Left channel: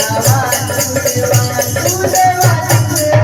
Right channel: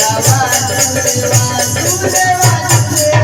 Vasudeva